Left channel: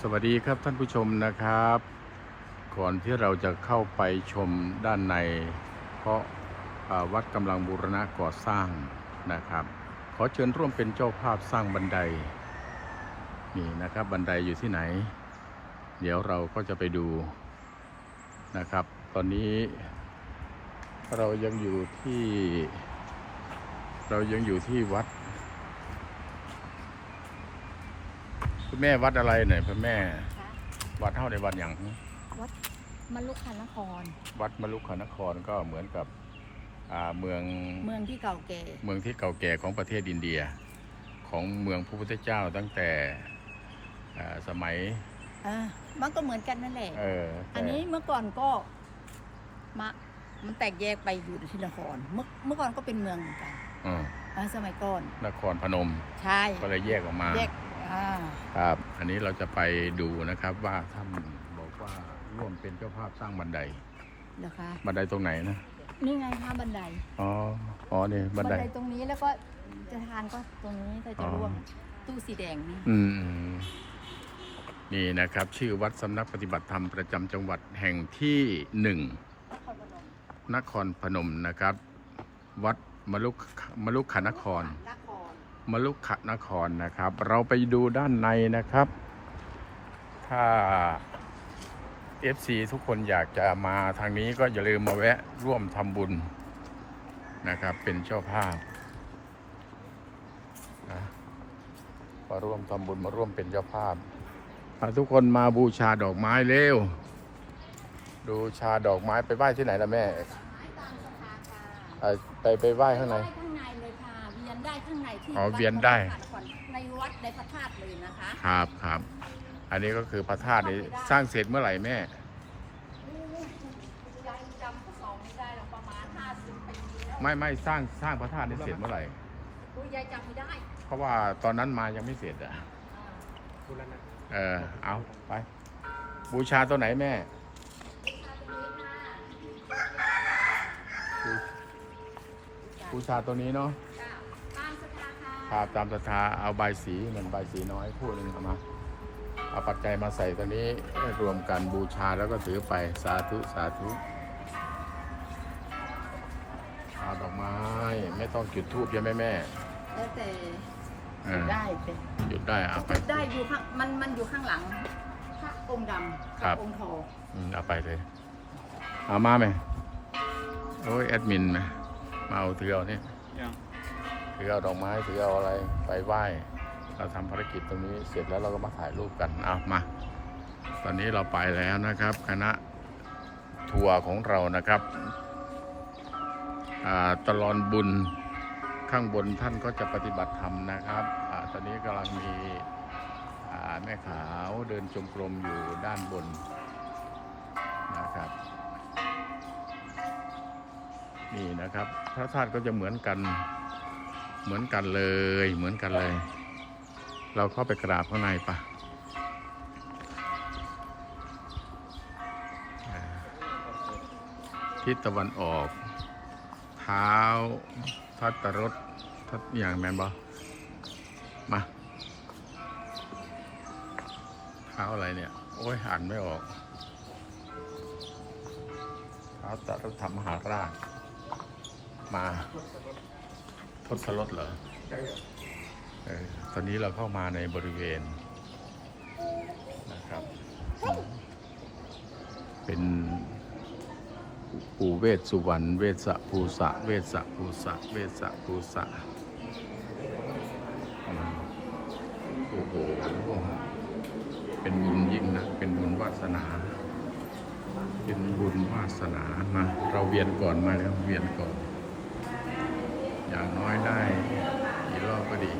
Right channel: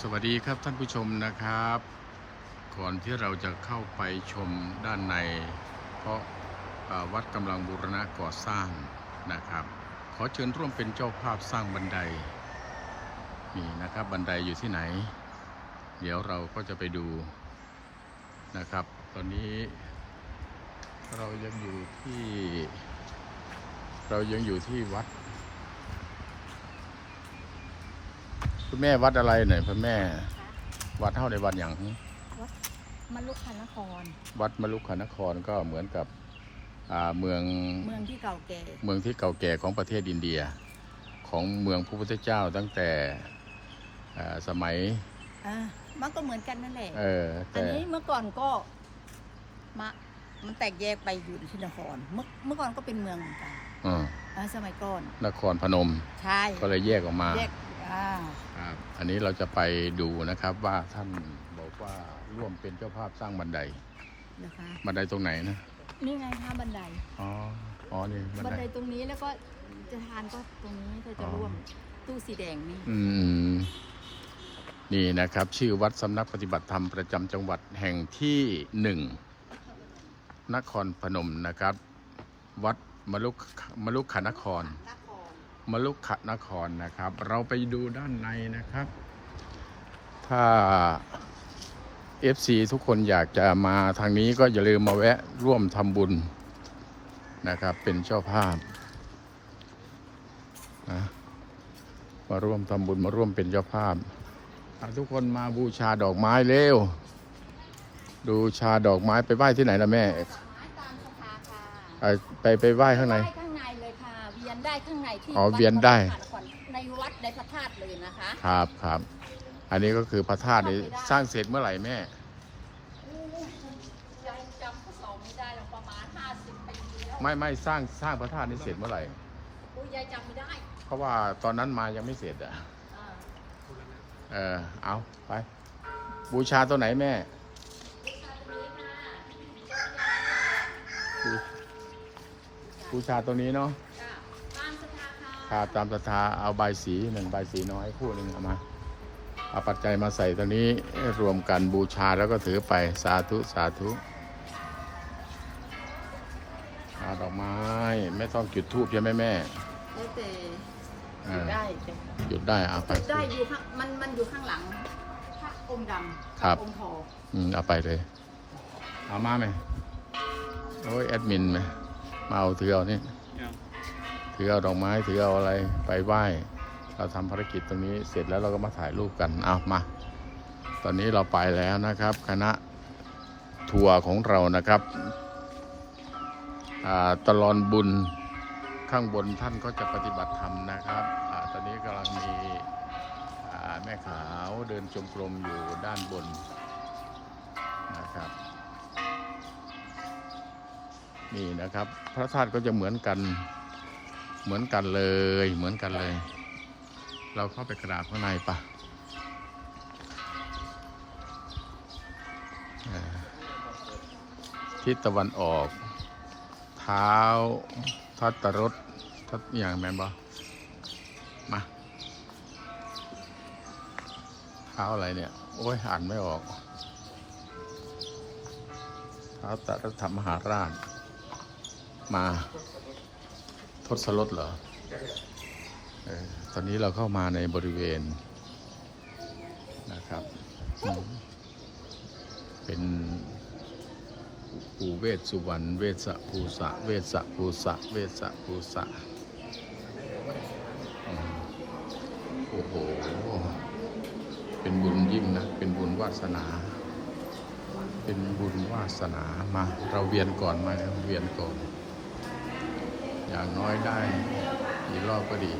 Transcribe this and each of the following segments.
สวัสดีครับท่านผู้ชมนะครับ ก่อนที่เราจะเข้าไปชมด้านใน เพราะวัดกำลังบูรณะก่อสร้างนะครับ ขอเชิญร่วมเป็นเจ้าภาพสร้างบันไดนี่นะครับบันไดอยู่ที่ไหน เดี๋ยวเราก็จะไปดูนะครับ ตอนนี้ เรายังอยู่ที่ เรายังอยู่ที่วัด คุณแม่วัดอะไรเนี่ยคุณแม่ คะวัดเท่าในวัดอย่างวัดมลุกคันนคร วัดมลุกขนครก็เหมือนกับอ่าเมืองเมืองที่เก่าแก่เมืองที่เก่าแก่ของประเทศอินเดีย ของเมืองพระพุทธเจ้าตั้งแต่อ่าสมัยอ่ามันก็เหมือนกันนั่นแหละ เออแต่อันนี้เมื่อก่อนก็มามันแตกแยกไปอยู่ที่นคร เมื่อเมื่อก่อนก็เป็นเมืองเหมือนกันอืมอ่าสมัยก่อนนครพนมใช่ ก็เลยแยกออกมา แยกอ่า ครับ อันนี้เราจะไปดูนะครับว่าท่านบอกว่าร่วมเป็นเจ้าภาพสร้างบันไดนะคะบันไดตรงไหนนะนี่ไงคะบันไดอ๋ออ๋อนี่บับันนไดไดตรงนี้แล้วก็จะทานก็ตรงนี้ก็จะอ๋อร่วมตู้สีแดงนี่อืมนี่นะครับ ชื่อวัดสำนักปฏิบัติธรรมประจำจังหวัดแห่งที่หนึ่งนครพนมนะครับ วัดมลุกมลุกขนครนคร มลุกขนครนะครับ เราไปดูด้านในนะครับ ถ้า FC ทุกคนอยากจะมาทางนี้ก็อย่าลืมมาแวะร่วมทำบุญนะครับ เป็นเจ้าภาพนะมาร่วมทำบุญมาร่วมเป็นเจ้าภาพถ้าทุกคนมาบูชาดอกไม้เร็ว ดูชาดอกไม้ไปไหว้ที่ไหนล่ะแม่ดอกไม้ตามศรัทธาค่ะไปไปไปไหว้ข้างในได้ข้างใน ได้ข้างในที่อ๋อวัเวียนได้ในวัดในพระธาตุเลยนะคะครับครับ อันนี้ก็คือพระธาตุนี้สร้างเสร็จเมื่อไหร่แม่ ยังจำสองไม่ได้หรอกประมาณห้าสิบปีแล้วไม่ไม่สร้างสร้างพระธาตุนี้เสร็จเมื่อไหร่อุ้ยยายจำไม่ได้เพราะว่าตอนนั้นมายังไม่เสร็จอะ อ่าเออเอาไป บูชาตัวไหนแม่บูบูชาตัวนี้เนาะจ้ะตามศรั ทธาค่ะครับตามศรัทธาเอาใบายสีหนึ่งใบายสีน้อยคู่หนึ่งเอามาเอาปัจจัยมาใส่ตัวนี้รวมกันบูชาแล้วก็ถือไปสาธุสาธุเอาดอกไม้ไม่ต้องจุดธูปใช่ไหมแม่แล้วแต่อ่าได้สิหยุดได้เอาไปจุดได้อยู่ข้างมันมันอยู่ข้างหลังพระองค์ดำครักับองค์ทองอืมเอาไปเลย เอามาไหมโอ้ยแอดมินไหมมาเอาถือเอานี่ยัง ถือเอาดอกไม้ถือเอาอะไรไปไหว้เราทำภารกิจตรงนี้เสร็จแล้วเราก็มาถ่ายรูปกันเอามา ตอนนี้เราไปแล้วนะครับ คณะทัวร์ของเรานะครับอ่าตลอนบุญข้างบนท่านก็จะปฏิบัติธรรมนะครับอาตอนนี้กำลังมีอ่าแม่ขาวเดินจงกรมอยู่ด้านบนนะครับ นี่นะครับ พระธาตุก็จะเหมือนกัน เหมือนกันเลยเหมือนกันเลย เราเข้าไปกราบข้างในปะทิศตะวันออก เท้าทัตตรถทัตอย่างแมนบอมา เท้าอะไรเนี่ย โอ้ยอ่านไม่ออกเท้าตะธรรมมหาราชมา ทศรถเหรอออตอนนี้เราเข้ามาในบริเวณนะครับ เป็นปูเวสสุวรรณ เวสสะภูสะ เวสสะภูสะ เวสสะภูสะ โอ้โห เป็นบุญยิ่งนะ เป็นบุญวาสนา เป็นบุญวาสนา มา เราเวียนก่อนมาแล้ว เวียนก่อน อย่างน้อยได้กี่รอบก็ดี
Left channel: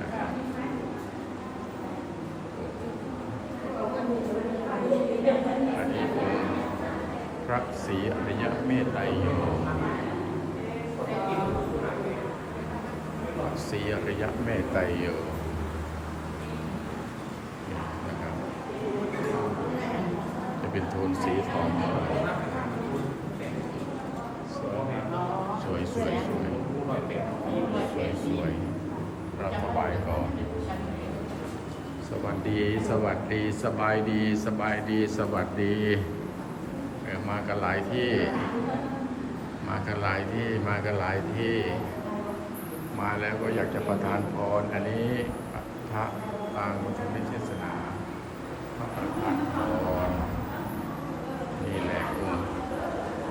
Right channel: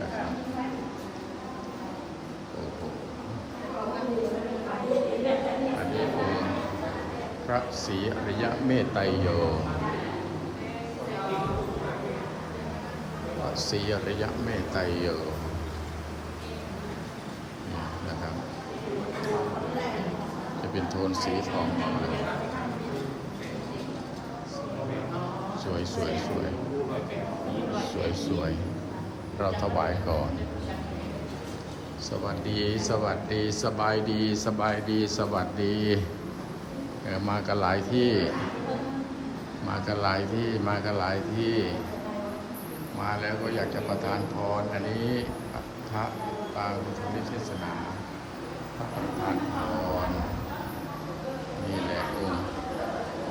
นะครับโอ้โหอันนี้คือพระศรีอริยเมตไตรโยพระศรีอริยเมตไตรโยนี่นะครับ จะเป็นโทนสีทองเลย สวยสวยสวยสวยเราถวายก่อนสวัสดี สวัสดี สบายดี สบายดี สวัสดี มากันหลายที่ มากันหลายที่ มากันหลายที่ มาแล้วก็อยากจะประทานพร อันนี้พระปางปฐมเทศนาพระประทานพรนี่แหละองค์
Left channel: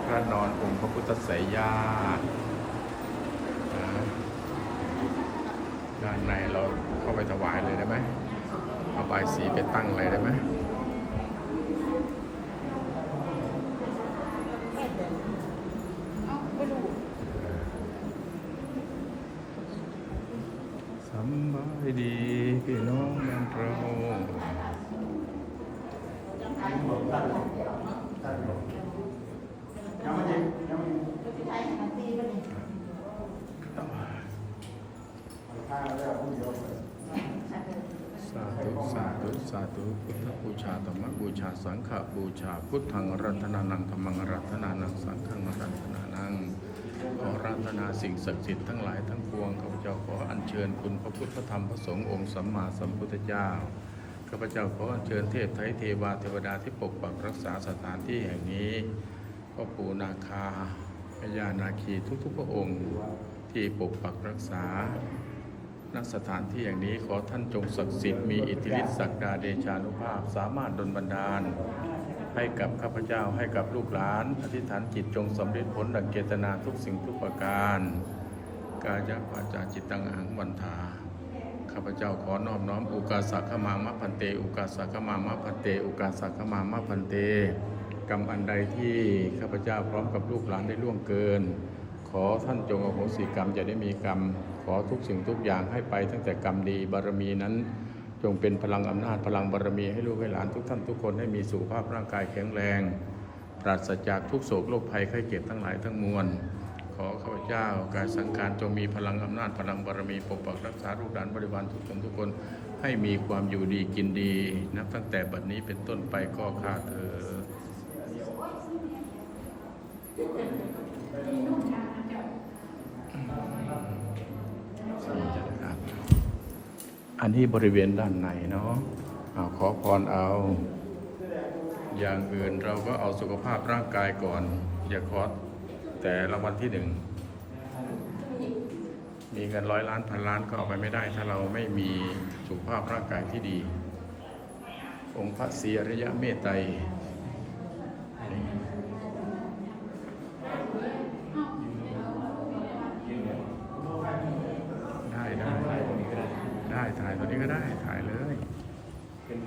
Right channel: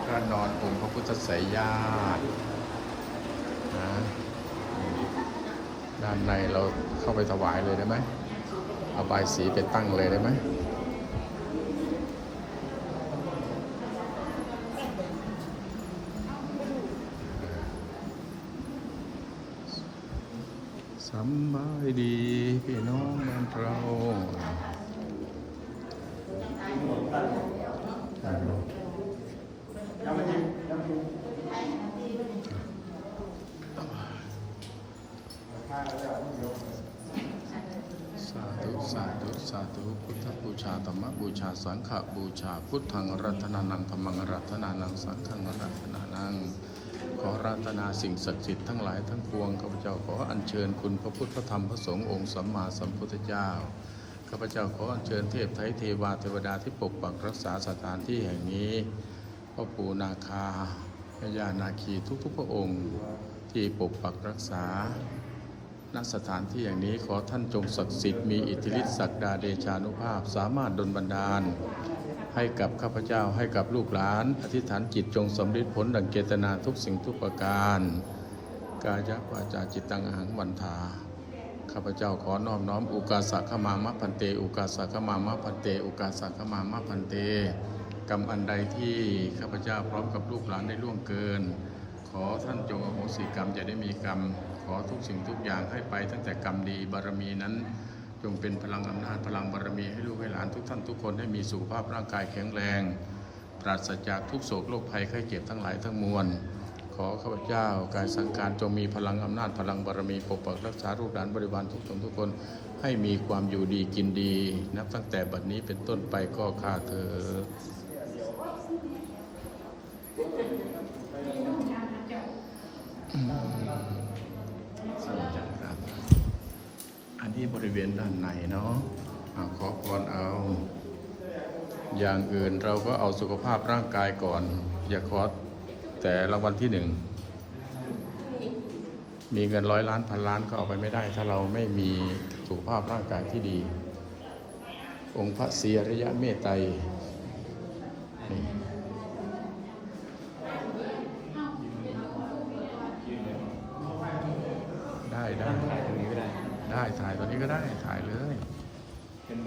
พระนอนองค์พระพุทธไสยญาตินะด้านในเราเข้าไป ถวายเลยได้ไหมเอาใบสีไปตั้งเลยได้ไหมสำบายดีพี่น้องบ้านเรา สาธุ สา ธุสาธุพุทธบูชาธรรมบูชาสังฆบูชา พุทธังรัตนานังธรรมังรัตนานังสังฆังรัตนานังขอรัตนาสิ่งศักดิ์สิทธิ์ทั้งหลายทั้งปวงข้าพเจ้าขออัญเชิญคุณพระพุทธธรรมพระสงฆ์องค์สัมมาสัมพุทธเจ้าข้าพเจ้าขออัญเชิญเทพไทยเทวาเทวดาที่ปกปักรักษาสถานที่แห่งนี้พ่อปู่นาคาพญานาคีทุกๆพระองค์ที่ปกปักรักษา ณสถานที่อย่างนี้ขอท่านจงศักดิ์สิทธิ์มีอิทธิฤทธิศักดาเดชานุภาพ สามารถดลบันดาล ให้กับข้าพเจ้าให้กับลูกหลาน อธิษฐานจิตจงสำเร็จผลดังเจตนาทุกสิ่งทุกประการ กายะวาจาจิตตังอหังวันทาข้าพเจ้าขอน้อบน้อมอุกาสะขมามะพันเต อุกาสะขมามะพันเต อุกาสะขมามะพันเตกรรมอันใดที่ข้าพเจ้าพร้อมกับลูกหลานได้ล่วงเกิน ขอท่านจงอโหสิกรรมจะได้มีกรรม ขอทุกสิ่งทุกอย่างให้ไปตั้งแต่กรรมดีบารมีนั้นจงเป็นพลังอำนาจพลังบารมีให้ลูกให้หลานทุกท่านทุกคนให้มีสุขภาพร่างกายแข็งแรง ปราศจากทุกโศกโรคภัยไข้เจ็บทั้งหลายทั้งมวล ขอข้าพเจ้ากายสังขารจงมีพลังอำนาจพลังบารมีปกปักรักษาลูกหลานบริวารทุกคนทุกคนให้มีความอยู่ดีกินดี นับตั้งแต่บัดนี้เป็นต้นไปก็ข้าเธอครับ อันนี้บริเวณด้านในเนาะเอาขอพรเอา อย่างอื่นเราก็เอาสุขภาพร่างกายก่อน อย่าขอแต่รางวัลที่หนึ่ง มีเงินร้อยล้านพันล้านก็เอาไปไม่ได้ ถ้าเราไม่มีสุขภาพร่างกายที่ดี องค์พระศรีอริยะเมตไตรได้ได้ได้ถ่ายตัวนี้ก็ได้ถ่ายเลย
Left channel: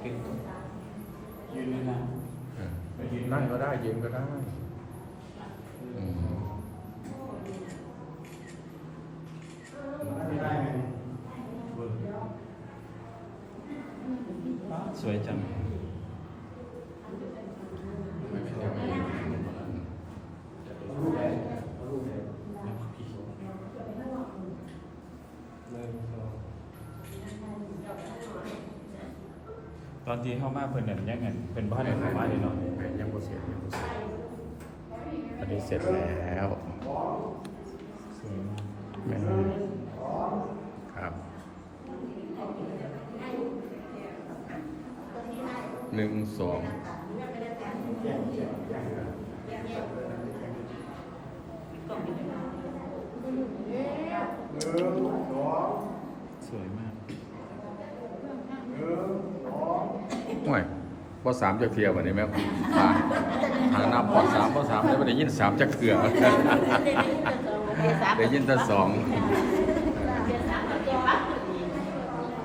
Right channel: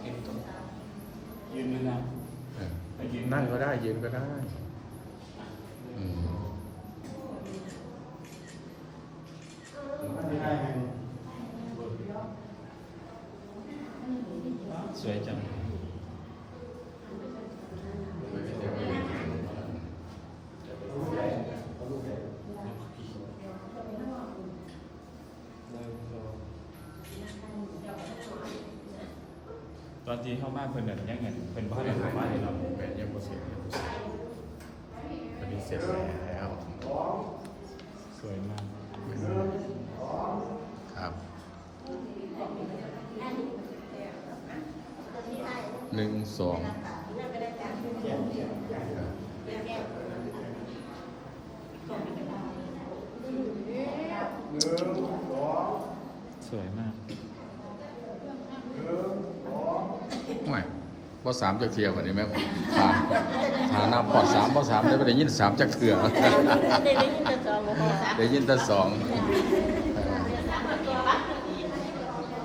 เป็นบอกเป็นยืนเวลาไปยืน นั่ นั่ ง ง ก็ได้ยืนก็ได้อืม สวยจัง ไม่เป็นแนวยืน ตอนที่เข้ามาเพิ่นเนี่ยยังเงินเพิ่นบ้าน ไม่ เพิ่ ไม่ น ไม่ มาเลยเนาะ ไม่ยังบ่เสร็จยังบ่เสร็จอันนี้ เสร็จแล้ว สวยมากครับหนึ่งสองสวยมากไม่พอสามจะเทียบวันนี้ไหมผ่านผ่า สามพอสามได้ไปได้ยินสามจะเถื่อได้ยินแต่สองเออ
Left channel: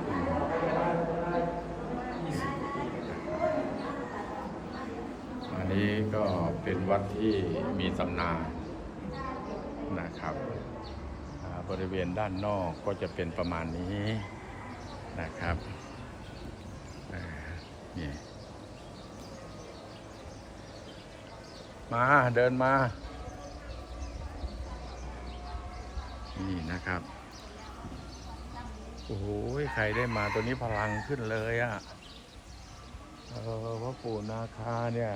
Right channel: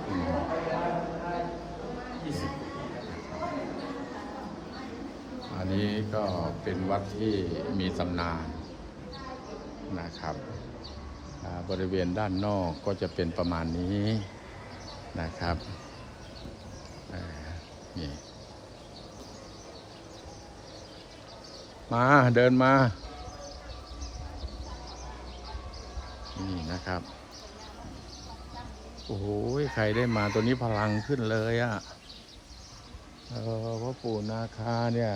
อืมอันนี้ก็เป็นวัดที่มีตำนานนะครับอ่าบริเวณด้านนอกก็จะเป็นประมาณนี้นะครับอ่านี่ มาเดินมา นี่นะครับ โอ้โหใครได้มาตัวนี้พลังขึ้นเลยอะ่ะเออพระปู่นาคาเนี่ย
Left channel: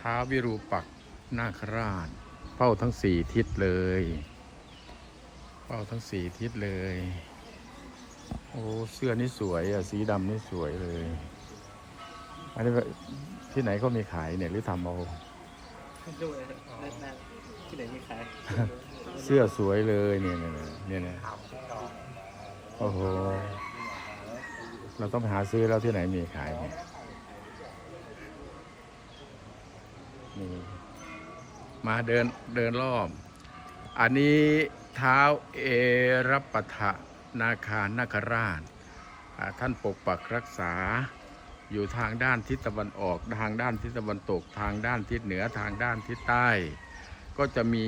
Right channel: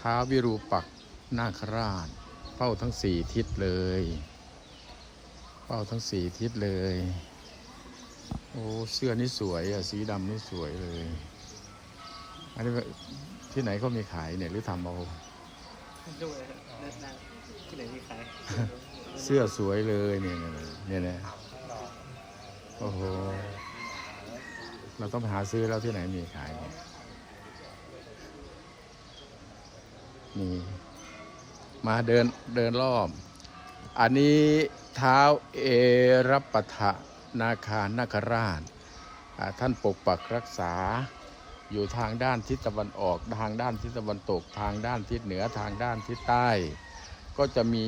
ท้าววิรูปักษ์นาคราชเฝ้าทั้งสี่ทิศเลยเฝ้าทั้งสี่ทิศเลยโอ้อ้ เสื้อนี่สวยอะ สีดำนี่สวยเลย อันนี้ ที่ไหนก็มีขายเนี่ยหรือทำเอาดูเลยนั่นที่ไหนมีขาย เสื้อสวยเลยเนี่ยเนี่ยเนี่ยเนี่ยโอ้โห เราต้องไปหาซื้อแล้วที่ไหนมีขายเนี่ยนี่มาเดินเดินรอบ อันนี้เท้าเอรับปะทะนาคานาคราชอ่าท่านปกปักรักษา อยู่ทางด้านทิศตะวันออก ทางด้านทิศตะวันตก ทางด้านทิศเหนือทางด้านทิศใต้ ก็จะมี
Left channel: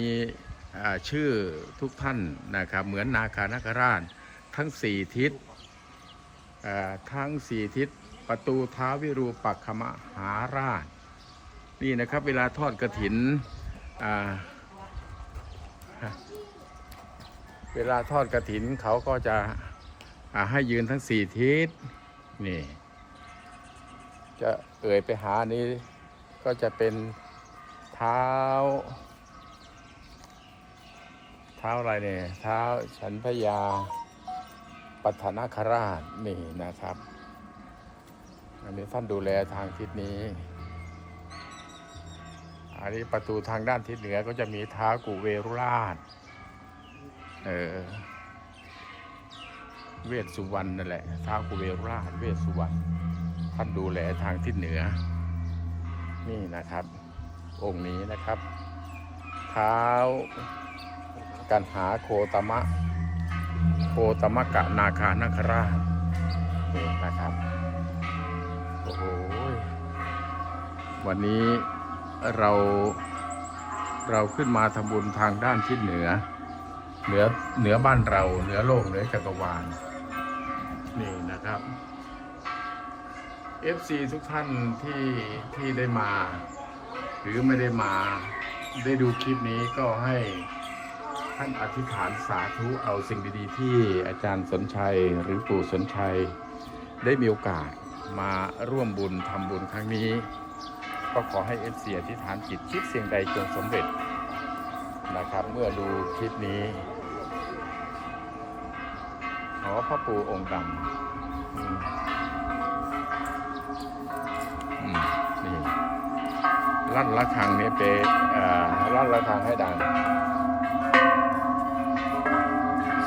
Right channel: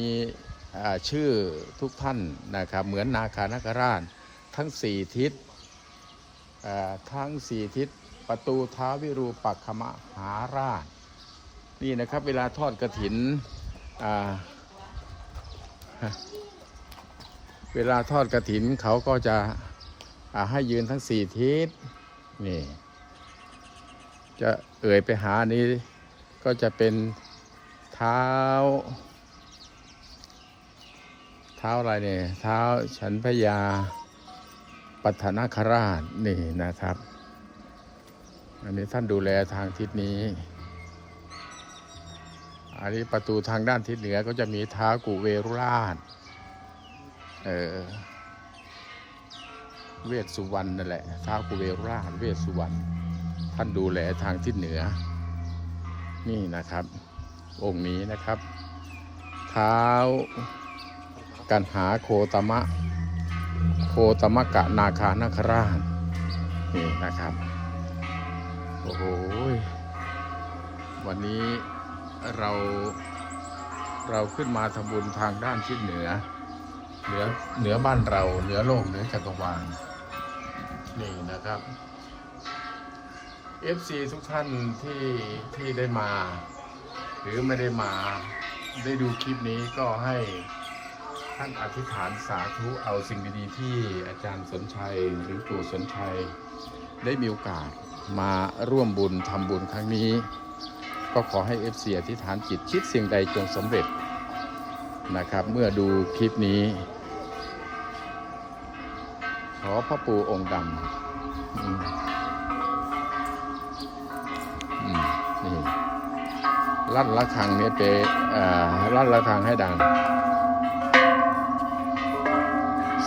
ชื่อทุกท่านนะครับเหมือนนาคานาคราชทั้งสี่ทิศทั้งสี่ทิศประตูท้าวิรูปักขมหาราชนี่นะครับเวลาทอดกระถินอ่าเวลาทอดกระถินเขาก็จะให้ยืนทั้งสี่ทิศนี่ จะเอ่ยไปหานี้ก็จะเป็นเท้า เท้าอะไรเนี่ย เท้าฉันพยาปัฒนาคราชนี่นะครับ อันนี้ท่านดูแลทางทิศนี้ อันนี้ประตูทางด้านทิศเหนือก็จะมีเท้ากุเวรุราช เออเวสสุวรรณนั่นแหละเท้ากุเวรุราชเวสสุวรรณ ท่านดูแลทางทิศเหนือ นี่นะครับ องค์นี้นะครับเท้ากันหาโคตมะ โคตมะกะนาคานาคราชนี่นะครับโอ้โหวันนี้เราเราขึ้นมาทำบุญทางด้านทิศเหนือ เหนือเหนือบ้านเรา เหนือโลกเหนือจักรวาลนี่นะครับ FC ทุกท่านที่ที่ได้มา หรือไม่ได้มาได้ดูคลิปนี้ก็ให้ท่านอธิษฐานสาธุเอาสิ่งดีๆ ที่อาจารย์สนชัยหรือปู่สนชัย ได้มีโอกาสมาร่วมบุญทำบุญครั้งนี้ ก็ขอให้เอฟซีอธิษฐานจิตคิดสิ่งใดจงสำเร็จนะครับ เมื่อดูคลิปนี้ ขอพระปู่องค์ดำ ลั่นละครังนี่ยเปเอ่อลั่นละครังให้ดัง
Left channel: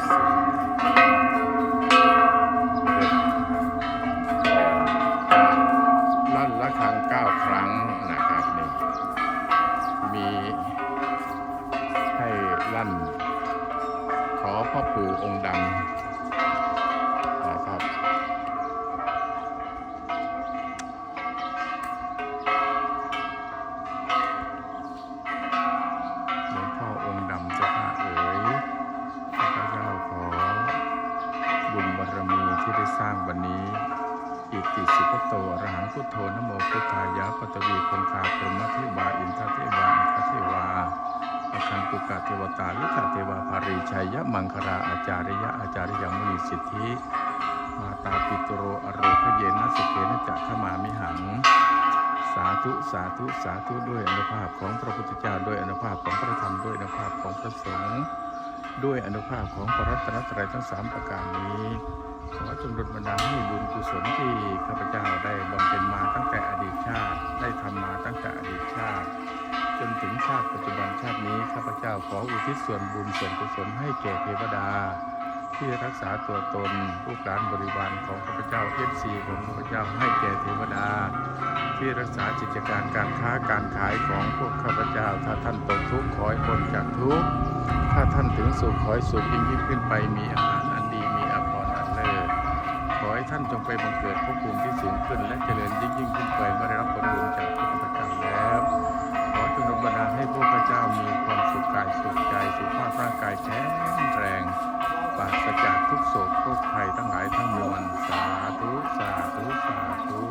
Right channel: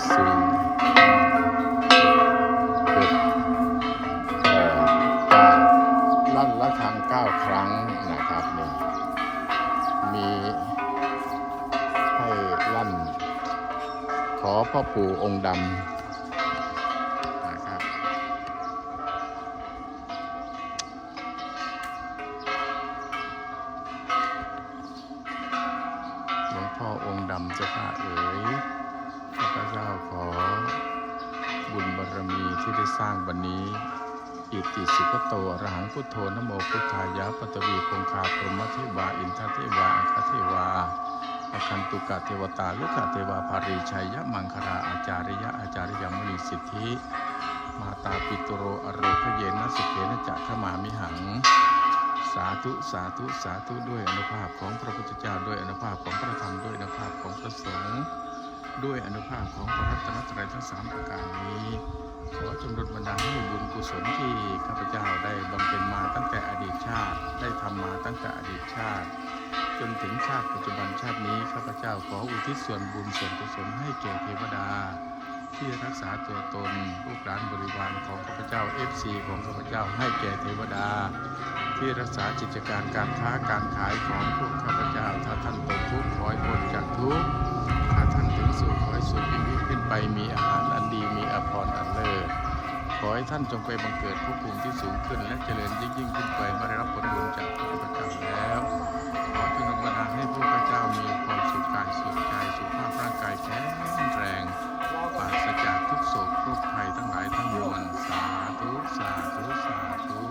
สี่หกเจ็ดแปดลั่นละครั้งเก้าครั้งนะครับนี่มีให้ลั่น ขอพ่อปู่องค์ดำ บุญบารมีที่ได้สร้างวันนี้อิติสุขโตอรหังพุทโธนโมพุทธายะปตวีคงคาพรหมเทวาอินทเทวาอัคเทวาอคันตุกะเทวตาลุกะเทวาภาริชัยยะมังคราอาจาริยะอาจาริยมุนีสิทธิ มาตาปิตโรอโรคเยนะสุเขนะจะขมามิหัง สาธุสาธุสาธุด้วยอนุภาพของพระพุทธเจ้าด้วยอนุภาพของพระธรรมด้วยอนุภาพของพระสงฆ์ ด้วยอนุภาพของพระรัตนตรัยทั้งสามประการนี้ ขอจงดลบันดาลให้บุญกุศลที่ข้าพเจ้าได้บำเพ็ญมาตั้งแต่อดีตชาติ ได้ทำมาตั้งแต่อดีตชาติ จนถึงชาติปัจจุบันชาตินี้ข้าพเจ้าขออุทิศส่วนบุญส่วนกุศลให้แก่เทวดา ที่รักษาตัวตนลูกหลานบริวารของข้าพเจ้าเอฟซีของข้าพเจ้าให้แก่เทวดา ที่รักษากิจการการค้าการขายของพวกข้าพเจ้า ถ้าท่านตกทุกข์ขอให้พ้นจากทุกข์ถ้าท่านถึงสุขขอให้สุขยิ่งยิ่งขึ้นไปมีอาหารอันดีมีอภรณ์อันเลิศขอให้ท่านจงไปบังเกิดภพภูมิที่สูงขึ้น และเจริญยิ่งยิ่งขึ้นไปเมื่อได้รับผลบุญจากพระพุทธเจ้าแล้ว ขอจงดลบันดาลให้พวกข้าเจ้ามีความสุขกายสุขใจสุขภาพร่างกายแข็งแรง ปราศจากทุกโศกทุกภัยทั้งหลายทั้งมวลสาธุ สาธุ สาธุ